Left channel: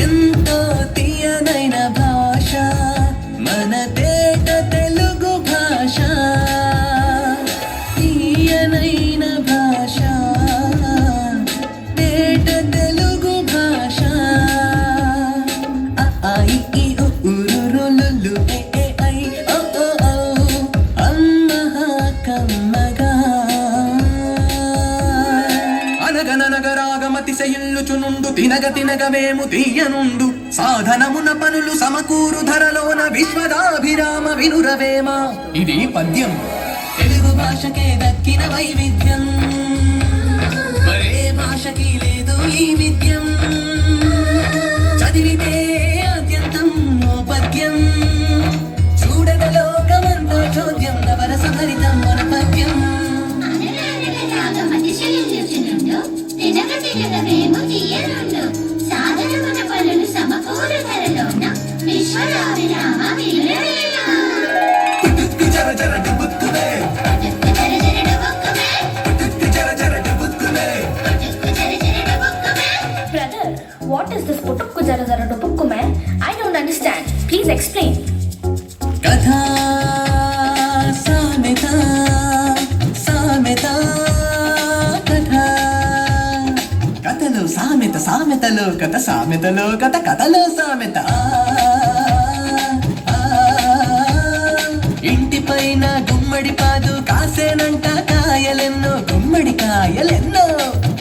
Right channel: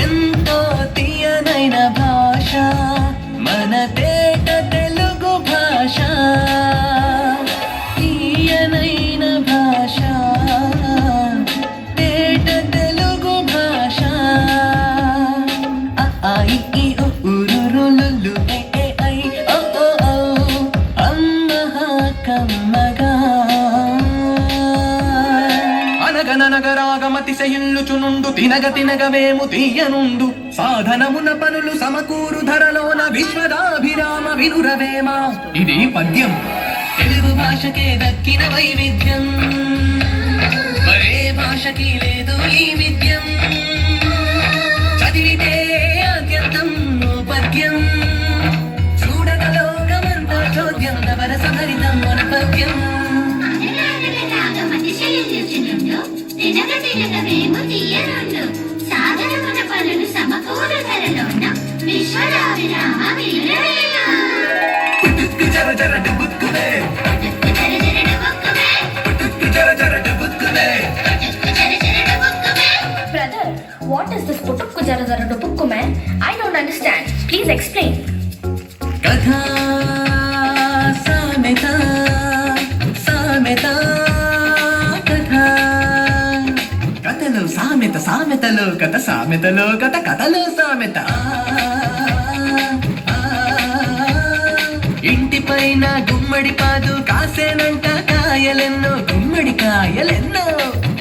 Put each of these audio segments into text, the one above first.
ఎంతో తీయనైన భాష మన తేట తెలుగు భాష, తీయనైన భాష తేట తెలుగు భాష. అ ఆ ఇ ఈ ఉ ఊ రు రు లు లు ఎ ఏ ఐ ఓ ఓ ఔ అమ్మహ కమ్మగా. అనగనగరాగమతిశయిల్లుచునుండు తినగ తినగవేము తీయనుండు సాధనమున పనులు సమకూరు ధరలోన విశ్వదాభిరామ వినురవేమ. ఇది పద్యం. తెలుగు భాషకే దక్కిన వైవిధ్యం, మరే భాషకి లేదు ఈ విద్యం. చదివితే అత్యంతం ఓ పద్యం, చూడగ లోకమంతా చోద్యం నవరస భరితం మన పద్యం. తినగవేము తీయనుండు సాధనమున పనులు సమకూరు ధరలోన విశ్వదాభిరామ వినురవేమ. పుట్టుక్కు జర జర డుబుక్కునే, పుట్టుక్కు జర జర డుబుక్కునే. Brother, what is this putukku jara jara dupukku man? I don't understand. Please explain. కథా సామెత సామెత కథ, కథలో సామెత సామెతలో కథ సామెతలో కథ కథలో సామెత. ఇంటి పైన గుమ్మడి పాదు కాసేనంట కాయలెన్నో, గుమ్మడి కాయలెన్నో.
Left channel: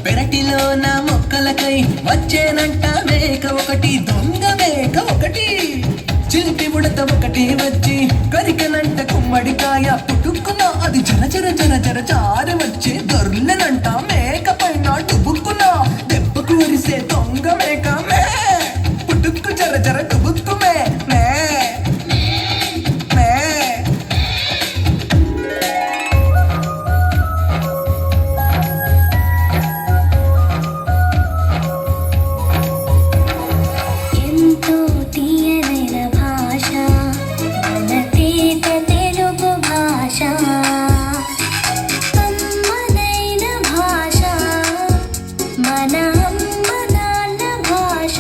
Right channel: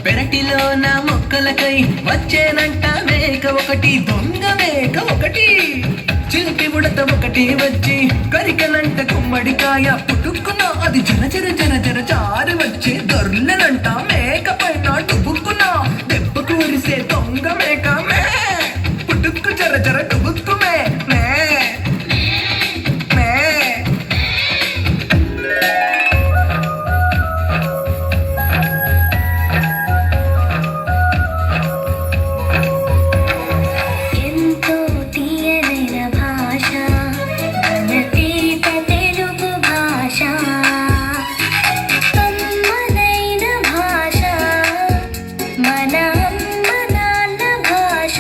పెరటిలోన మొక్కలకై వచ్చేనంట మేక ఒకటి, దొంగ మేక ఒకటి. చిలిపి ఉడత ఒకటి వచ్చి కరికనంట గుమ్మడికాయ, పుట్టుక్కున అది జర జర జర జర జారి వచ్చే దొర్లెనంట మేక పైన డుబుక్కున దెబ్బ కూరిసే దొంగ మేక మే. పుట్టుక్కు జర జర డుబుక్కు మే మే మే. ఎంతో తీయనైన భాష మన తేట తెలుగు భాష, కమ్మనైన భాష మన అమ్మ నాన్న భాష,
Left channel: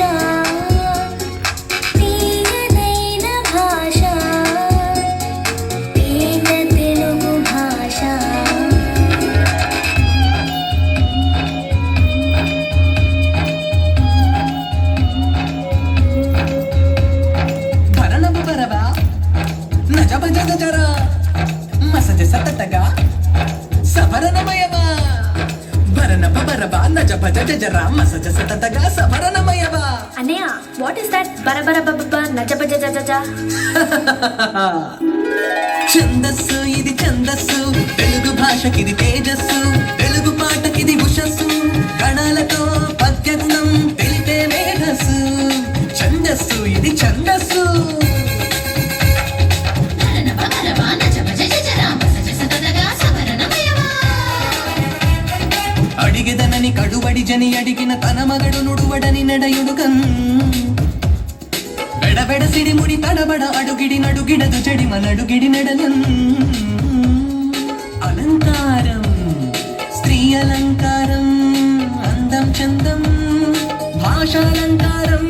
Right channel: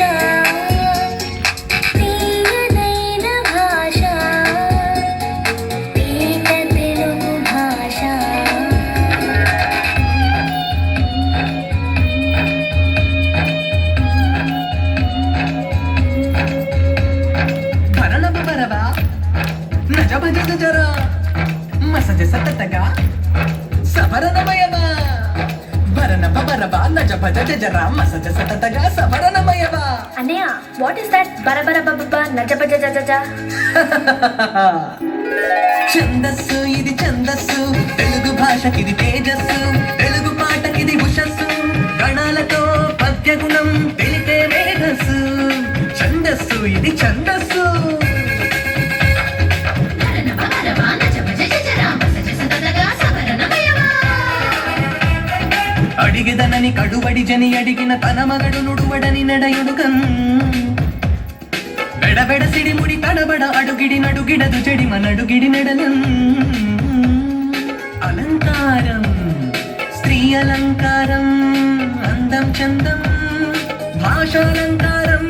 తీయనైన భాష తేట తెలుగు భాష. భరణము బరబా నజ భజ జర మసజ సతతగా సవరణమయమా. భరణప బరబా నజ భజ జర మసజ సతతగా సవరణమయమా. అన్నయ్య, what is that బరబర బబ్బ నజబ జజ జజ? ఛందస్సు ఇది ఛందస్సు, తెలుగు భాషకిది తేజస్సు, తెలుగు పాటకిది ఉషస్సు. గణాలతో పద్యగుణం తెలిపే మేధస్సు. ఛందస్సు ఇది ఛందస్సు. అడిగిదనని కడుబడి జని అడిగిన తన మగడు నుడువడని నడయుడుకన్. బెడబెడ సిడిముడి తడబడ అడుగిడి నడుగిడదు చెడి మనడుగిడి నడలన్. అలంకారం స్త్రీ అలంకారం, అందం చందం భాషాలంకారం,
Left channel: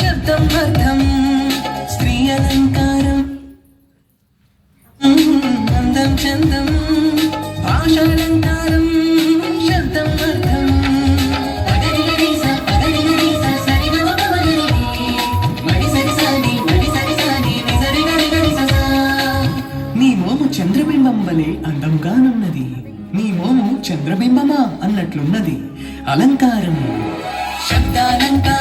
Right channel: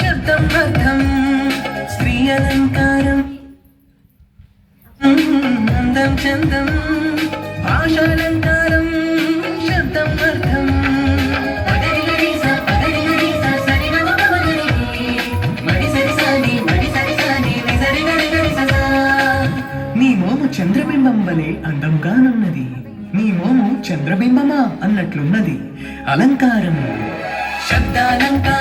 శబ్దం అర్థం. స్త్రీ అలంకారం అందం చందం భాషాలంకారం, శబ్దం అర్థం. నీ మోము చంద్రబింబం వలె అందంగానున్నది, నీ మోము చంద్రబింబమా అన్నట్లున్నది. అలంకారం శబ్దాలంకారం.